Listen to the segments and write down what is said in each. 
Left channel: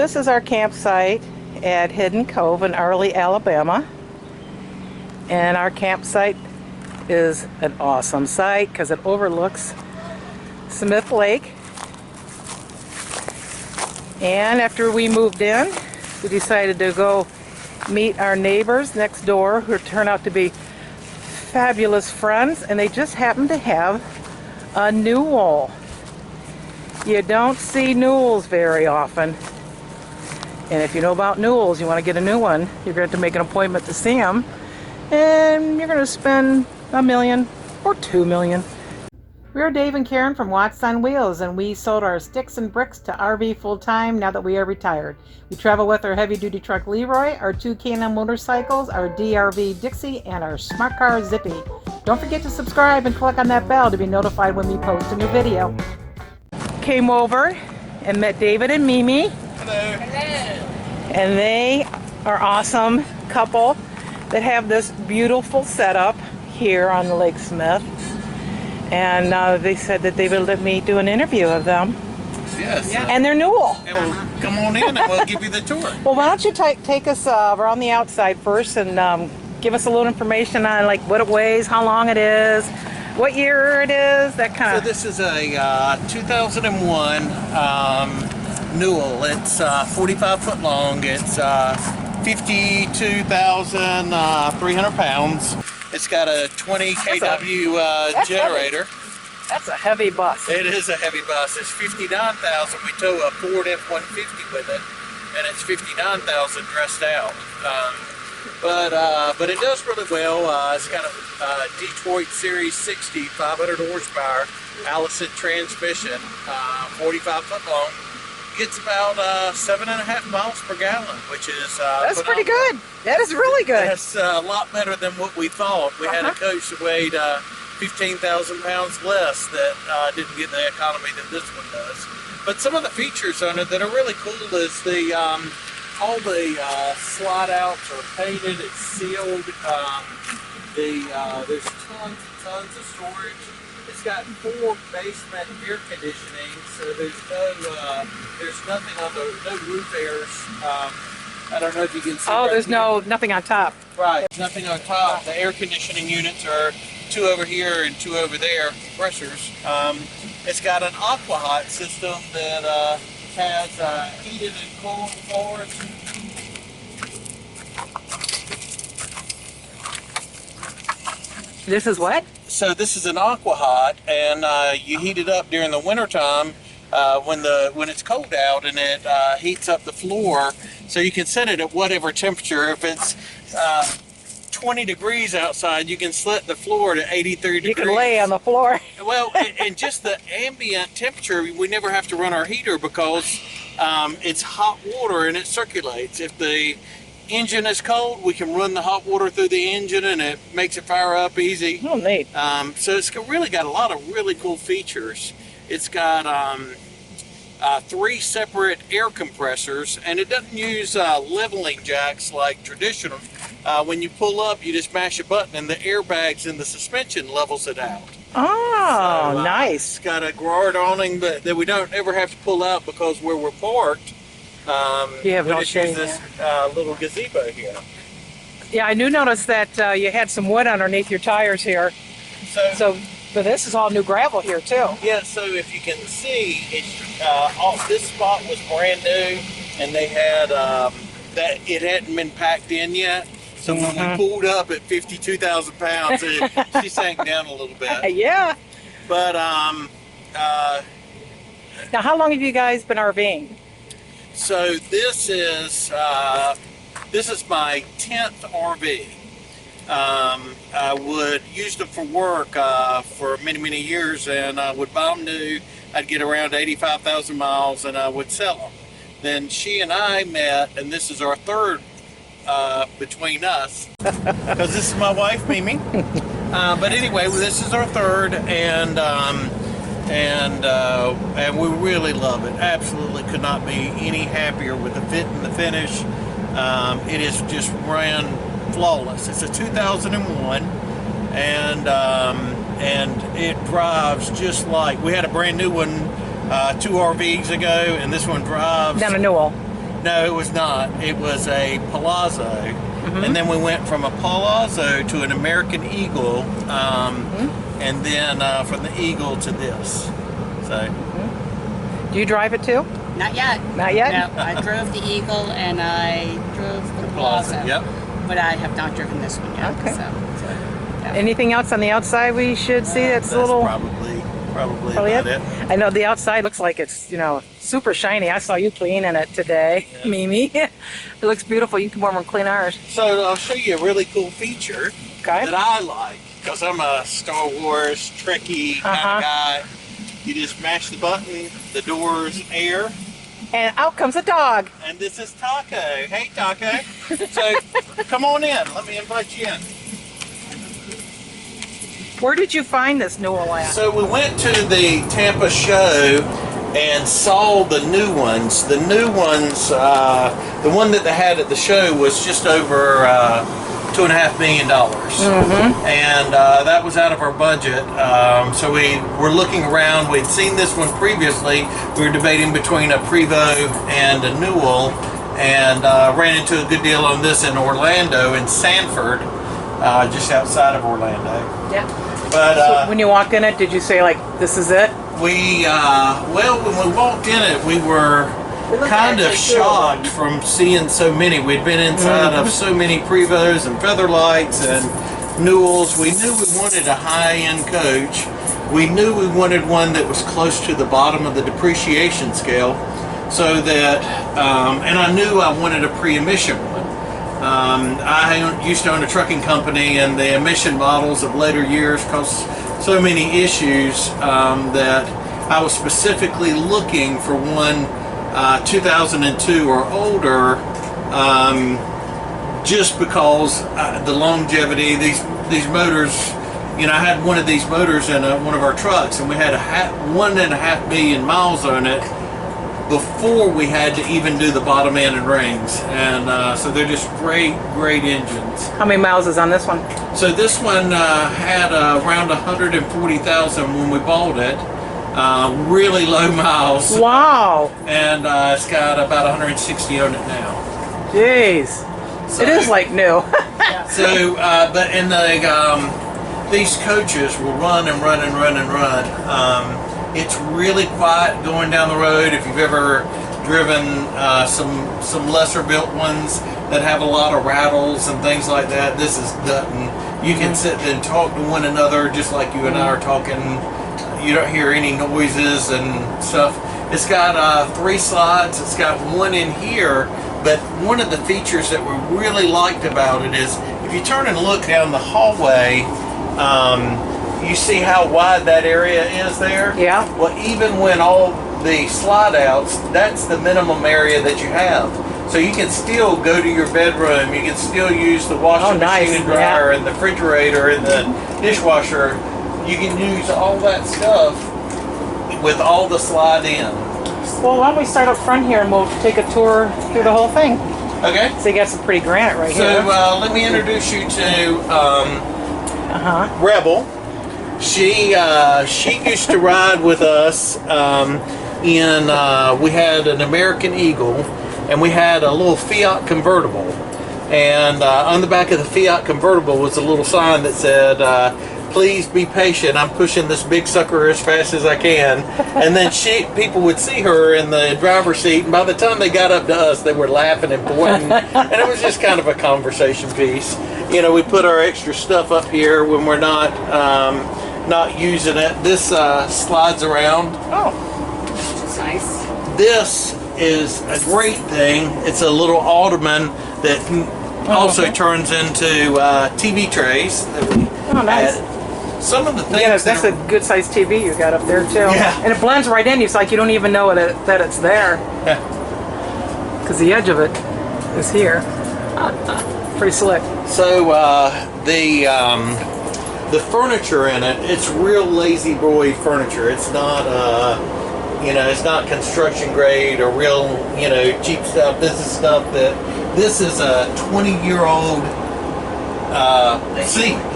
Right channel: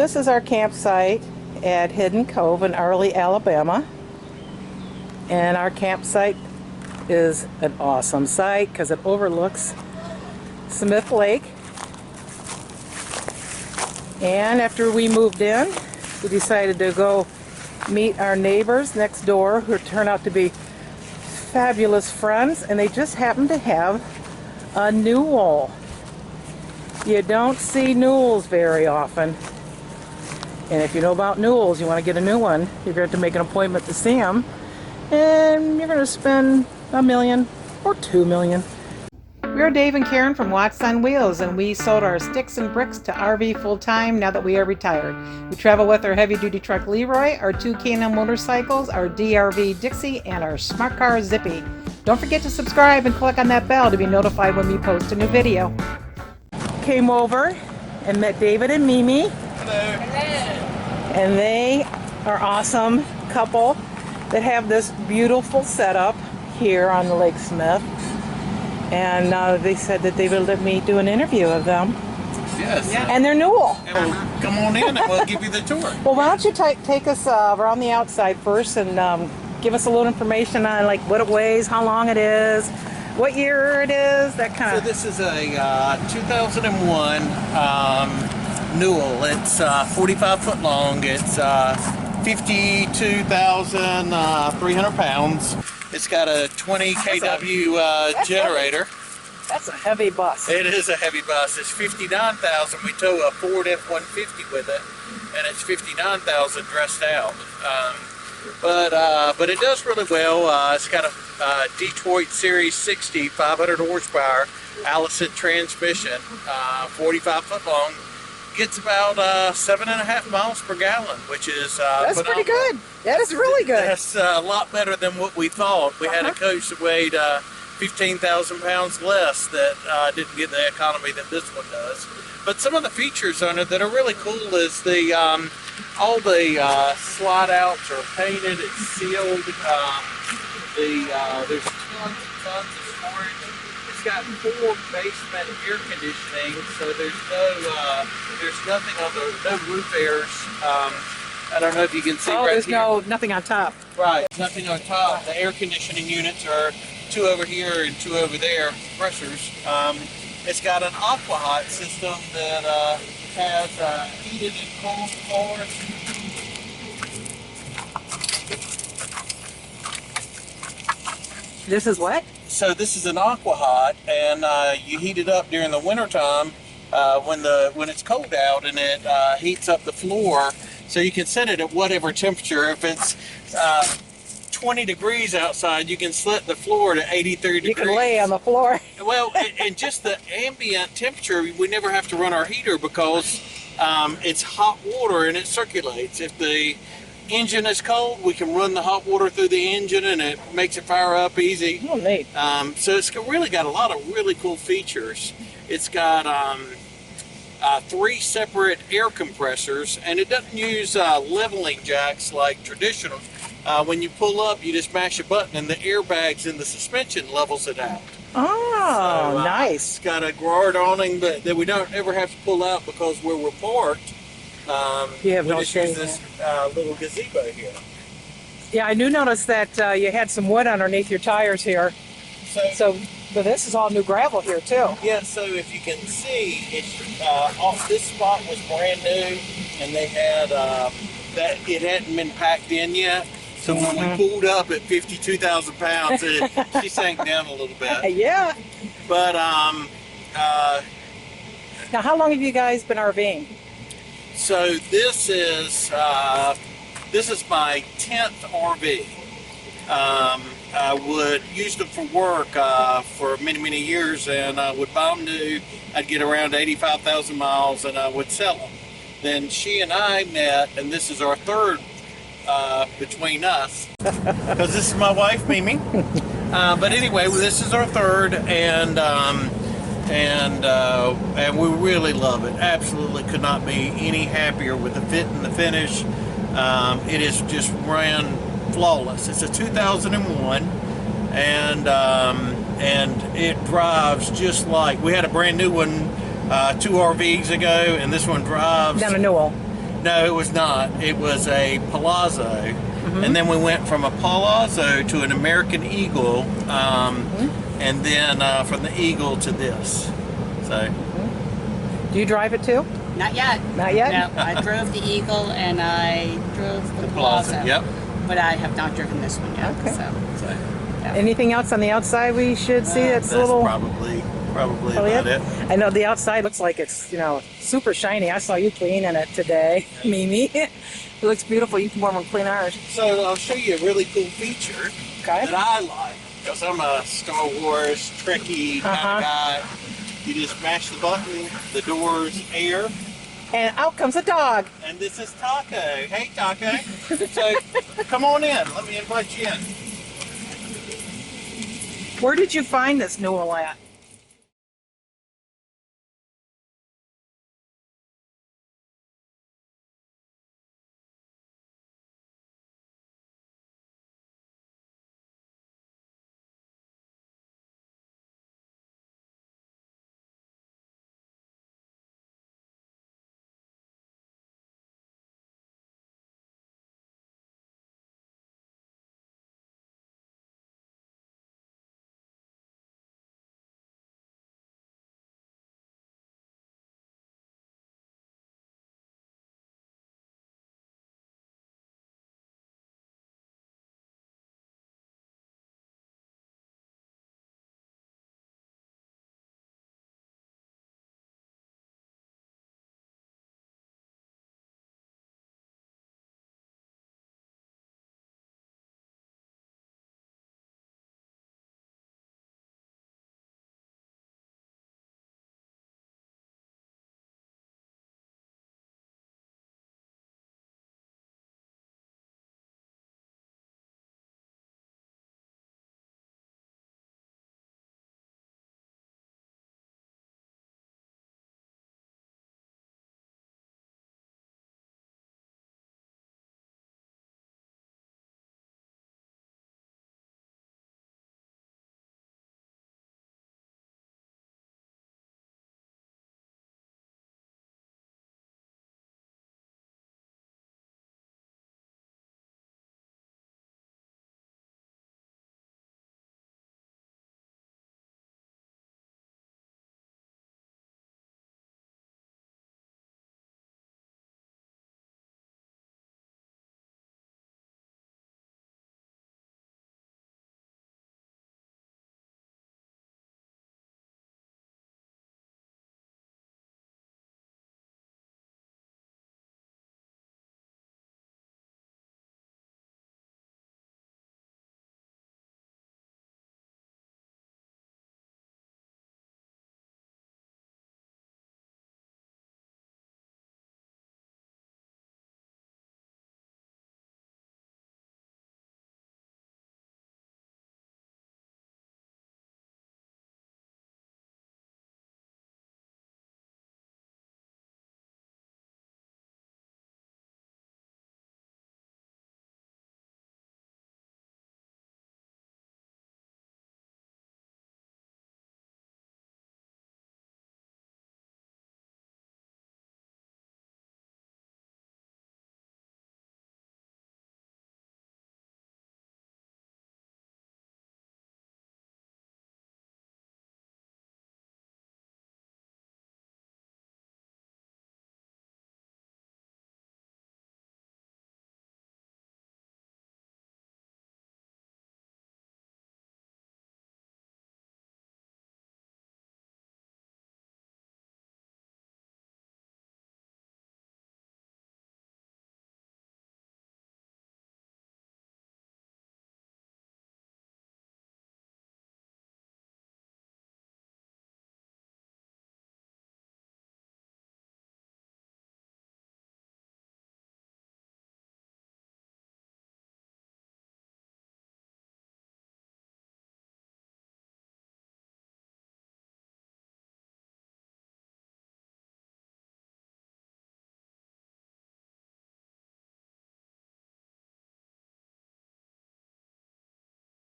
This is our campsite at Hidden Cove in Arley, Alabama. And our campsite is an awesome site because it overlooks Smith Lake. And after we moved in, we decided to go meet our neighbors next door who turned out to be fabulous friends, and they just happened to have a Newell. You don't see Newells very often. And if you know about Newells, you want to get a new one, you're going to have to make an appointment to see them. And you're going to spend $1 million or $2 million. We're Dave and Karen from Watts on Wheels, and we sold our sticks and bricks to RV full-time now that we are retired. We travel with our heavy-duty truck Leroy, our 2 Can-Am motorcycles, our DRV Dixie, and our smart car Zippy. Don't forget to subscribe and click on that bell to be notified when we post a new video. Came over and met David and Mimi. Hello. Hello. And they are awesome couple that have this beautiful setup here on the Lake Smith. And they said that they would let me do an interview of them. Yes. Yeah. And they're Newell. Come on in and we'll give you the tour. Well, why don't you take us around the outside first and give us a little information on like what it weighs, how long it is, what year it is, that kind of. So this is a 2001 Newell. It's 45 foot long. It's 52,300 pounds. It's got a 20 kW generator. That's a heavy bus. It is a heavy bus. It's 59,000. We tow a Ford F-150 with it, and it's 59,000 dressed out. But it does really well. It's got a Detroit Series 60, 500 horsepower, Allison transmission, 45 foot long. Gets about 7.5 miles per gallon, which is that's pretty good. That is really good. That's a lot better than what we thought. We had a coach that weighed 15,000 pounds less that didn't get the economy that this one does. But some of the features on it that are really cool is the all the slide outs are painted. It's sealed. There's tons and tons of storage. It's got 4 basement air conditioning, so there's nothing on the no roof airs. I don't know if you can see. Oh, right there's here. nothing on top. Right, nothing on top. The air conditioning units are 2 over here and 2 over there, compressors. It's got an aqua hot system that has heated and cooled floors. This is what? So this is an aqua hot, and you heat it up during the winter time when it's cold out, and it heats up the floor. So you can set it at whatever temperature. If it's 20 degrees outside, you can set the floor to 83 degrees. You can lay on the floor. Well, and just the ambient temperature, we never have to run our heater because it's hot water and it circulates. If the engine is cold, we can run the hot water through the engine and it makes it fire up easy. Oh, neat. So it's really got a lot of really cool features. It's got 3 separate air compressors, and it doesn't use leveling jacks like traditional. When you pull up, you just mash a button and the airbags in the suspension levels it out. Oh, So, nice. It's got a guard awning that we don't ever have to pull out because where we're parked, You have we no just use shade. this little gazebo here. Yeah, I do notice that you had some wood underneath your tires here. But this is all new gravel here too. Yeah, so if you can see, it's this spot was brand new, and they had that it hadn't been packed in yet. So when we pulled up at 52,000 pounds, she sank down a little bit. Yeah. But Now, how long have you guys been RVing? so this is my 10th RV. I would use them for work for many years, and I would buy them new. I'd get around 85,000 miles, and I would sell them. Then she and I met, and this is our third between us, because this is my wife, Mimi. But anyway, this is our third, and we really love it. Absolutely could not be any happier with the fit and the finish. It is just ran flawless. It's a 2001, and it drives just like we had a brand new one 2 RVs ago, and this one drives. Down a Newell. No, it was not. It was a Palazzo. And then we went from a Palazzo to an American Eagle, and then from the Eagle to this. So, Do you drive it too? Not yet. Not yet? No, I drove the Eagle and I drove the Plaza. Yep. But I have not driven this one yet. Okay. So, yeah. Anything else on the outside we should see that's a little... probably about it. I know the outside looks like it's, super shiny. I saw you cleaning it today, Mimi. It looks beautiful. You can warm and clean ours. So I'll show you a really cool feature Okay. that I like, because I'm a Star Wars Trekkie kind of guy. You just mash the button, the doors air, And out comes a dog. and this is Taco. Hey, Taco. So come on in. Let me invite you in. Where did you find this Newell at? So we went to the Tampa show and saw the new ones. The new ones, the one that they had at the show was just over $2.5 million. And that was out of our budget. So we were looking around. We'd seen this one previously. We were debating between a Prevost and a Newell, and ran into a good deal on this in Orlando, in Sanford, just outside of Orlando. Yeah. But So when you walked in it, did you say, like, this is it? we, well, when we walked in it, we were kind of shocked from seeing so many. We'd been inside of so many Prevosts and Featherlights and Newells. We knew we wanted a high-end coach. We knew we wanted one that was close to the bottom of the depreciation scale, so that, and I knew I wanted a pre-emission one. I used to own a trucking company, and the emission models of later years caused so many issues that I was specifically looking for one 2002 or older, just because the longevity, these motors, I had one of these motors in one of our trucks, and we had 1.5 million miles on it before we had to even do the bottom end and rings. And so they're just great engines. How many miles is on this one? So this one had around 140,000 when we bought it. Really low miles. Wow. And it's got about 160 on it now. Jeez. So, It is like new. So, but in the these coaches will run and run and run and run. It's really quiet going down the road. If you've ever driven some lesser built ones that have a lot of rattles and things like that, this is nothing. You can sit and talk to one another just like you and I are talking. You don't hear any noises and stuff. It's got 3 slides. It's got one in here, but one of the features that we really liked about it is if you turn and look down the hallway, you see how wide that area is there? Yeah. Well, even when all the slide outs, that's the minimum area that you have. So you can still go to your bedroom, you can still use the washing machine and dryer and the refrigerator and the dishwasher. You can use all that stuff with all the slide in. Well, why don't we start up front here and we'll take a tour through the whole thing. Okay. So you got some pretty granite right So here. let me introduce you to Rebel. She used to ride with us we had an American Eagle, and we had a little Fiat convertible, and on the back of the Fiat convertible was a little sign that said, please be patient, I'm pushing this big sucker as fast as I can. And then people would see her in the driver's seat, and by the time they got up to us, they were laughing and pointing, and it was just kind of a conversation piece. We put our extra stuff up here when we're not using it. This slides around. Oh. It's nice. This is a great thing. It's a little ottoman that also turns into TV trays. Oh, nice. Some of the things. Yeah, that's a good sized TV you got up there too. Yeah. And it blends right in. It's like you don't even know that it's there. Yeah. Because the edge of it is here. Pretty slick. So the furniture in it, it's real lazy boy furniture. It's not it's not construction grade or real cheap stuff. This is stuff this is a 20-year-old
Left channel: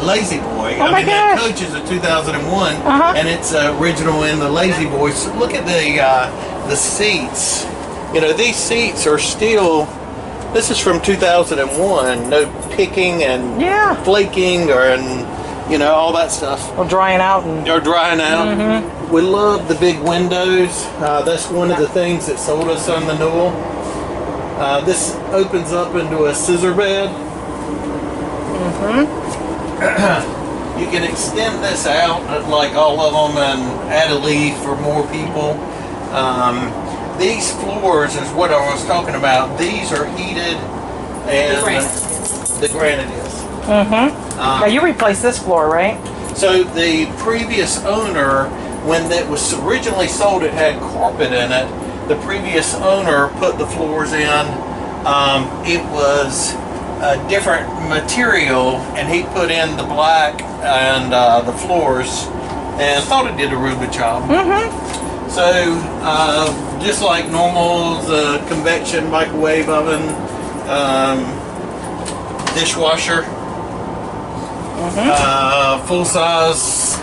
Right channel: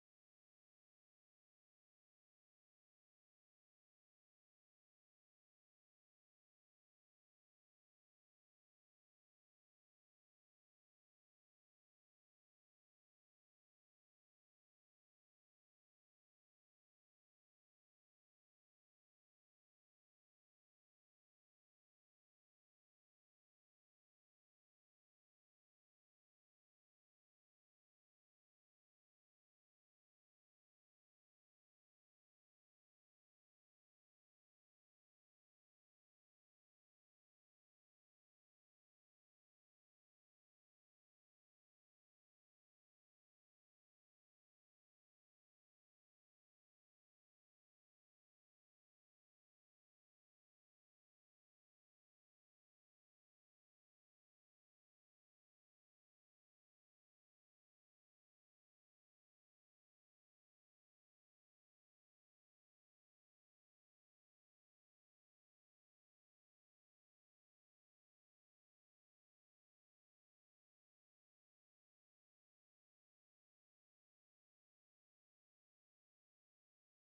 Lazy Boy. Oh my mean, that gosh. coach is a 2001, Uh-huh. and it's original in the Lazy Boy. So look at the seats You know, these seats are still, this is from 2001, no picking and Yeah. flaking and, you know, all that stuff. Well, drying out and They're drying out. We love the big windows. That's one of the things that sold us on the Newell. This opens up into a scissor bed. You can extend this out like all of them and add a leaf for more people. These floors is what I was talking about. These are heated and the granite is. now you replaced this floor, right? So the previous owner, when it was originally sold, it had carpet in it. The previous owner put the floors in. It was a different material, and he put in the black and the floors, and thought it did a real good job. So just like normal, the convection microwave oven, dishwasher, full size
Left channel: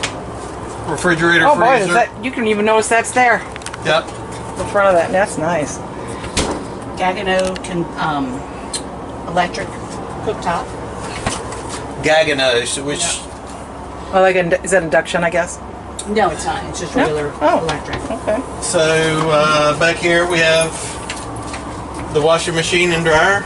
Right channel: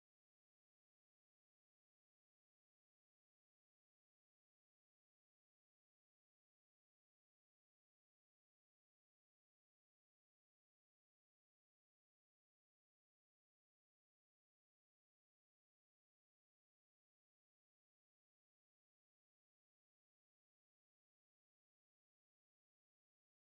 refrigerator, Oh boy, freezer. is that, you can even notice that's there Yep. in front of that. That's nice. Gagano electric cooktop. Gaganos, which Well, like, is that induction, I guess? No, it's not. It's just regular electric. Okay. so back here we have the washing machine and dryer.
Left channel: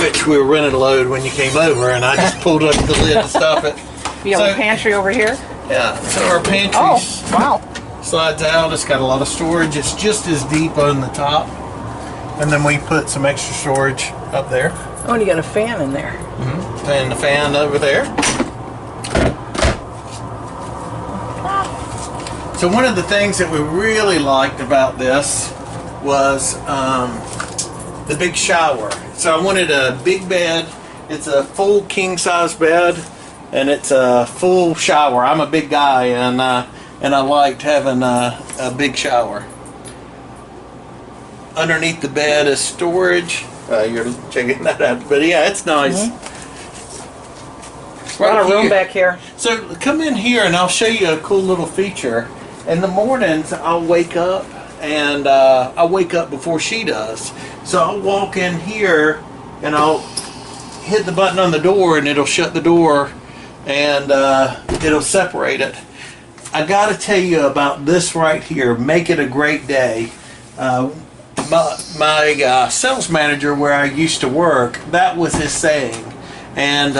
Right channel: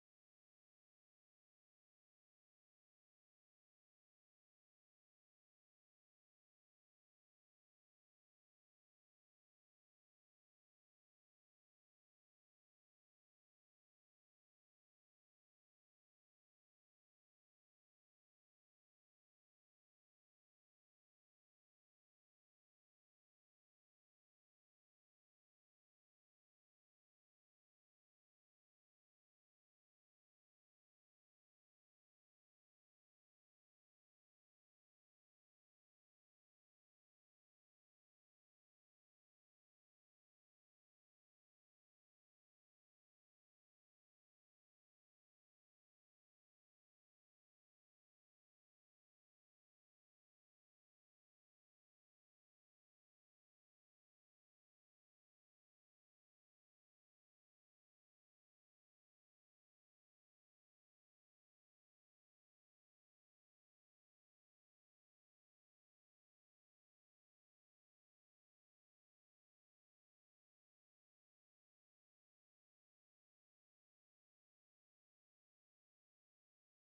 Which we were running load when you came over, and I just pulled up the lid to stop it. You have So- a pantry over here? Yeah, so our pantry Oh, wow. slides out. It's got a lot of storage. It's just as deep on the top. And then we put some extra storage up there. Oh, and you got a fan in there. And the fan over there. So one of the things that we really liked about this was the big shower. So I wanted a big bed. It's a full king size bed, and it's a full shower. I'm a big guy, and I liked having a big shower. Underneath the bed is storage. You're checking that out, but yeah, it's nice. A lot of room here. back here. So come in here and I'll show you a cool little feature. In the mornings, I'll wake up, and I wake up before she does. So I'll walk in here and I'll hit the button on the door, and it'll shut the door, and it'll separate it. I got to tell you about this right here. Make it a great day. My sales manager where I used to work, that was his saying. And,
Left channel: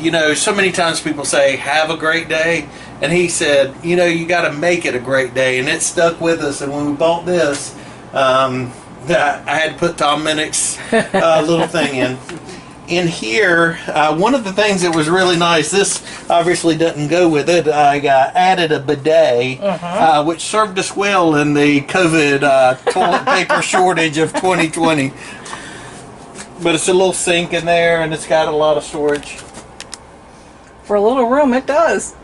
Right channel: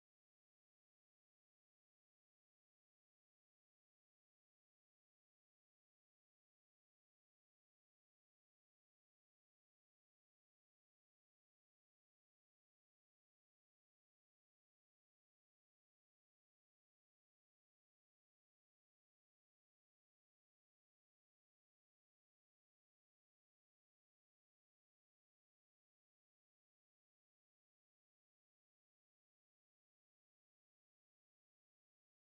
you know, so many times people say, have a great day. And he said, you know, you got to make it a great day. And it stuck with us. And when we bought this, I had to put Tom Minnick's little thing in. In here, one of the things that was really nice, this obviously doesn't go with it, I added a bidet, which served us well in the COVID toilet paper shortage of 2020. But it's a little sink in there, and it's got a lot of storage. For a little room, it does.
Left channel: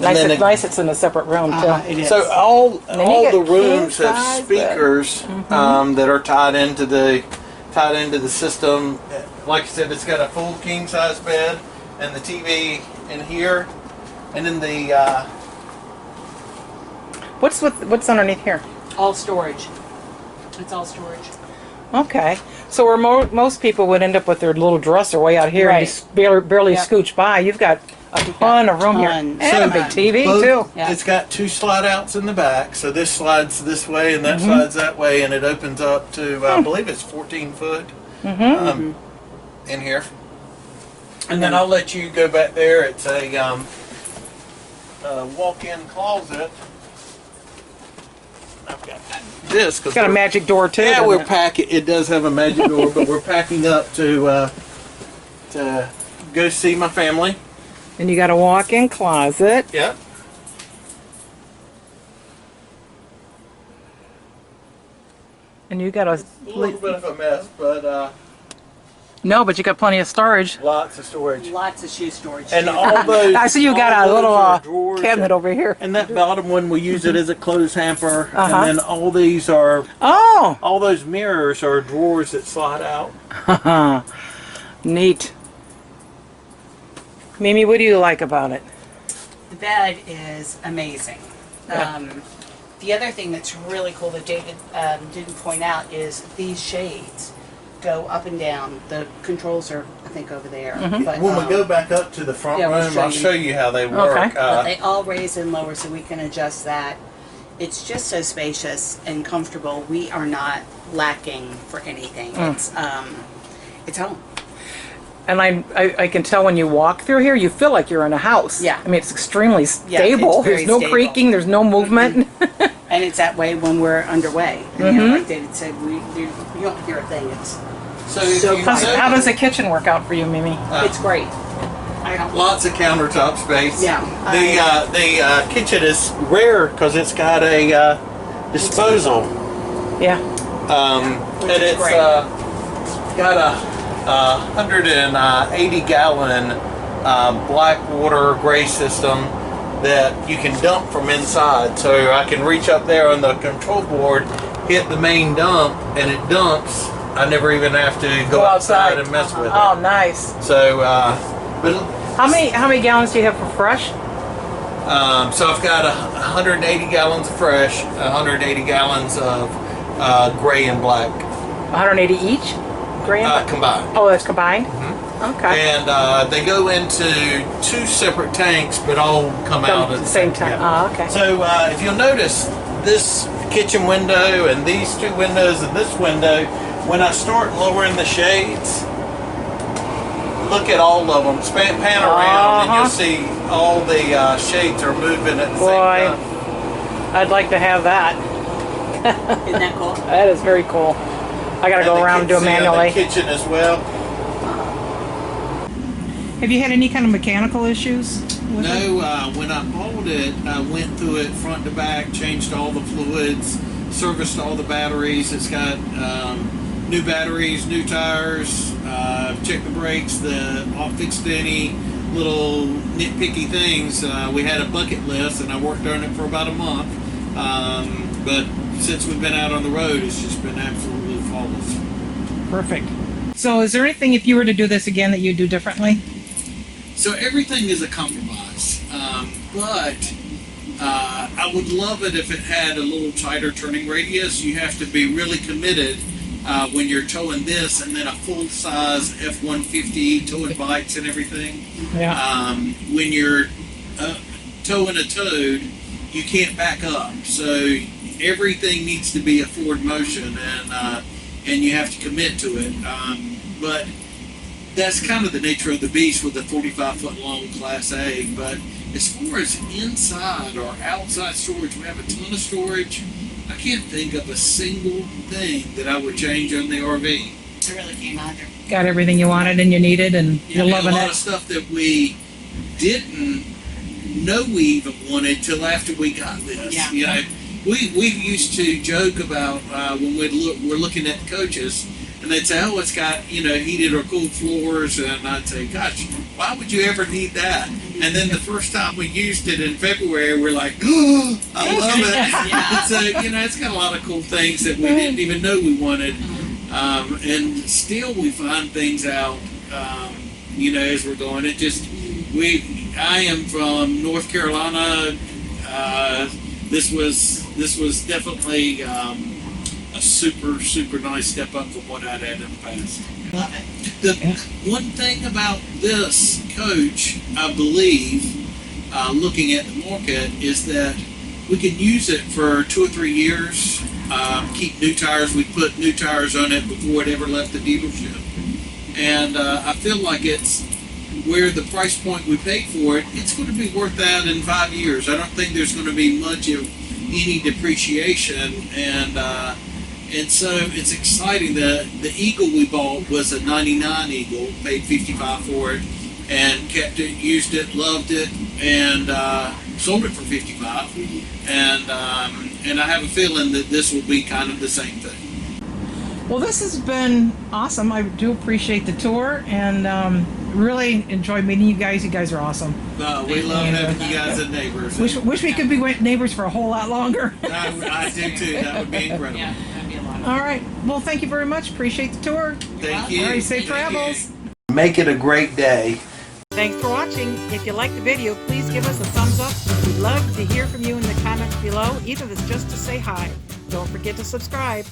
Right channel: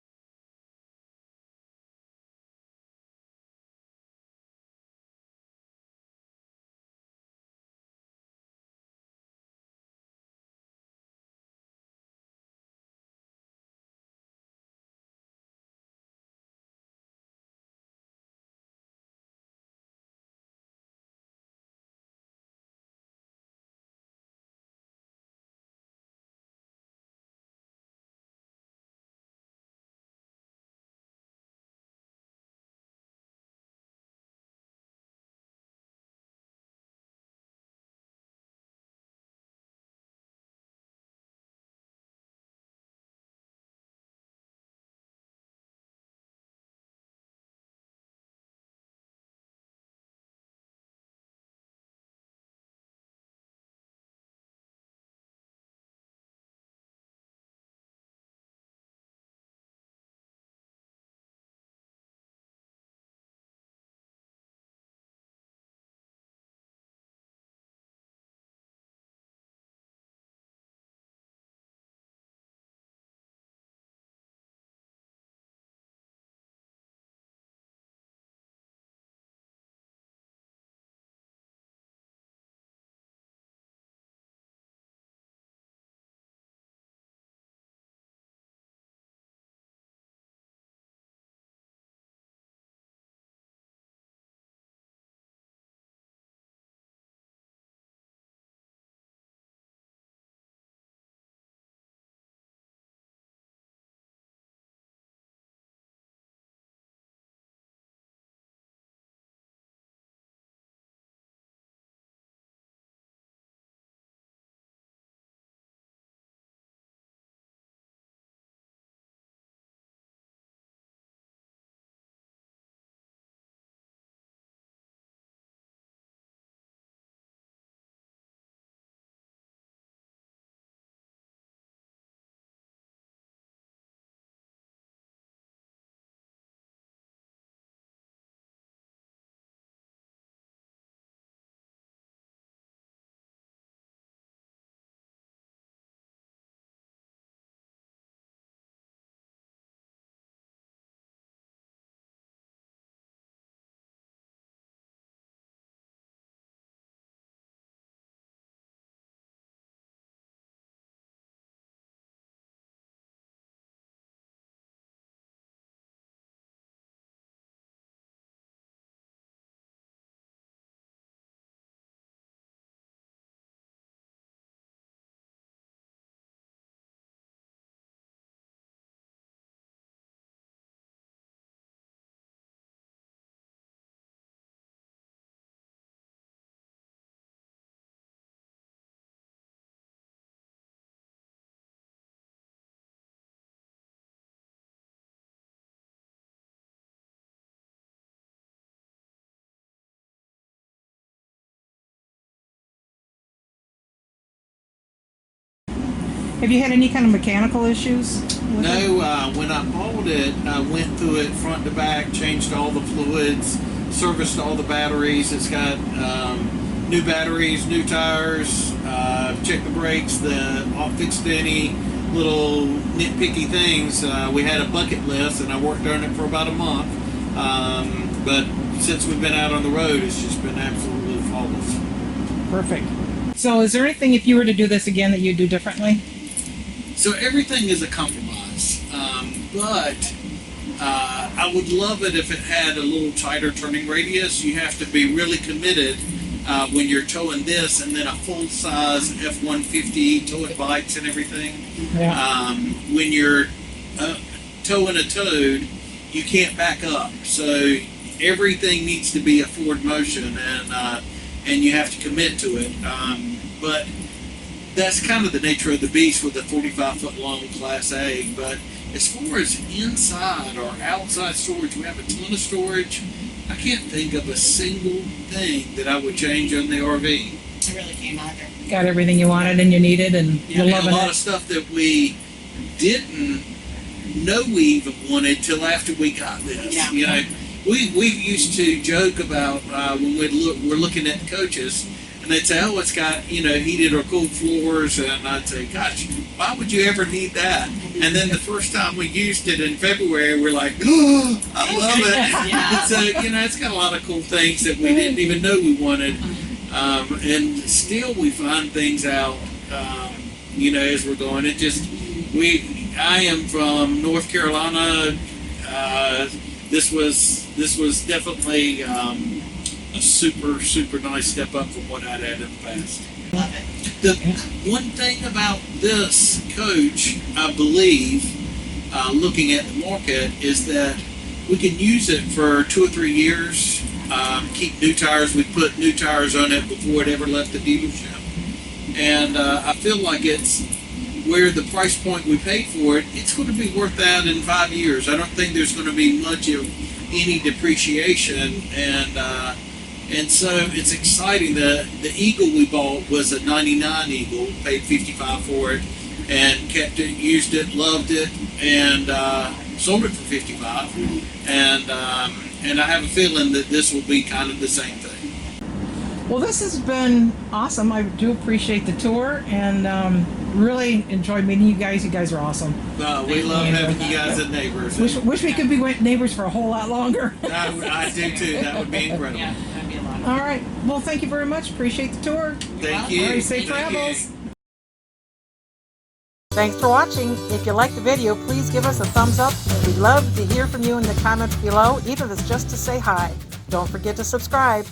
Nice it's in a separate room, too. It is. So all then you all get the rooms have king-size speakers that are tied into the system. Like I said, it's got a full king size bed and the TV in here, and then the What's underneath here? All storage. It's all storage. Okay. So where most people would end up with their little dresser way out here and Right. just barely Yep. scooch by, you've got a ton of room here. Tons. And a big TV, too. Yeah. It's got two slide outs in the back, so this slides this way and that slides that way, and it opens up to I believe it's 14 foot in here. And then I'll let you go back there. It's a walk-in closet. I've got this. It's got a magic door, too. Yeah, doesn't we're it? packing. It does have a magic door, but we're packing up to go see my family. And you got a walk-in closet. Yep. And you got a A little bit of a mess, but No, but you got plenty of storage. Lots of storage. Lots of shoe storage. And too. all those. I see you got all a little those are drawers cabinet over here. And that bottom one, we use it as a clothes hamper. Uh-huh. And then all these are, Oh, all those mirrors are drawers that slide out. neat. Mimi, what do you like about it? The bed is amazing. Yeah. The other thing that's really cool that David didn't point out is these shades go up and down. The controls are, I think, over there. But, When we go back up to the front yeah, we'll room, show I'll you. show you how they work. Okay. but they all raise and lower, so we can adjust that. It's just so spacious and comfortable. We are not lacking for anything. It's home. And I can tell when you walk through here, you feel like you're in a house. Yeah. I mean, it's extremely Yeah, stable. it's very There's no stable. creaking. There's no movement. And it's that way when we're underway. And, you know, like David said, you don't hear a thing. It's So if So you fun. How does the kitchen work out for you, Mimi? it's great. I don't. lots of countertop space. Yeah. The kitchen is rare because it's got a disposal. Yeah. And is it's great. got a 180 gallon black water gray system that you can dump from inside. So I can reach up there on the control board, hit the main dump, and it dumps. I never even have to go outside and mess with Oh, it. nice. So, but How many gallons do you have for fresh? so I've got 180 gallons of fresh, 180 gallons of gray and black 180 each? Grand? combined. Oh, that's combined? Okay. And they go into two separate tanks, but all come out at the same time. Yeah. Oh, okay. So if you'll notice, this kitchen window and these two windows and this window, when I start lowering the shades, look at all of them. Pan around, and you'll see all the shades are moving at the Boy, same time. I'd like to have that. Isn't that cool? That is very cool. I gotta go around and do it manually. The kitchen as well. Have you had any kind of mechanical issues? No, when I bought it, I went through it front to back, changed all the fluids, serviced all the batteries. It's got new batteries, new tires, checked the brakes, fixed any little nitpicky things. We had a bucket list, and I worked on it for about a month. But since we've been out on the road, it's just been absolutely flawless. Perfect. So is there anything, if you were to do this again, that you'd do differently? So everything is a compromise, but I would love it if it had a little tighter turning radius. You have to be really committed when you're towing this, and then a full-size F-150 towing bikes and everything. Yeah. When you're towing a Toad, you can't back up. So everything needs to be a forward motion, and you have to commit to it. But that's kind of the nature of the beast with a 45-foot long Class A. But as far as inside or outside storage, we have a ton of storage. I can't think of a single thing that I would change on the RV. I really can't either. Got everything you wanted and you needed, and you're I mean, loving a lot it. of stuff that we didn't know we even wanted till after we got this. Yeah. You know, we used to joke about when we're looking at the coaches, and they'd say, "Oh, it's got heated or cooled floors," and I'd say, "Gosh, why would you ever need that?" And then the first time we used it in February, we're like, "Oh, I love it!" Yeah. So it's got a lot of cool things that we didn't even know we wanted, and still we find things out. As we're going, I am from North Carolina. This was definitely a super nice step up from what I'd had in the past. Love it. The one thing about this coach, I believe, looking at the market, is that we can use it for 2 or 3 years. Keep new tires. We put new tires on it before it ever left the dealership, and I feel like it's where the price point we paid for it. It's going to be worth that in 5 years. I don't think there's going to be much of any depreciation, and so it's exciting. The Eagle we bought was a '99 Eagle, paid $55 for it, and kept it, used it, loved it, and sold it for $55. And I have a feeling that this will be kind of the same thing. Well, this has been awesome. I do appreciate the tour and really enjoyed meeting you guys. You guys are awesome. We love having you guys as neighbors. Wish we could be neighbors for a whole lot longer. I do too. That would be incredible. Yeah, that'd be a lot. All right. Well, thank you very much. Appreciate the tour. Thank you. All right, safe Thank travels. you. Make it a great day. Thanks for watching. If you liked the video, please give us a thumbs up. We'd love to hear from you in the comments below, even if it's just to say hi. Don't forget to subscribe.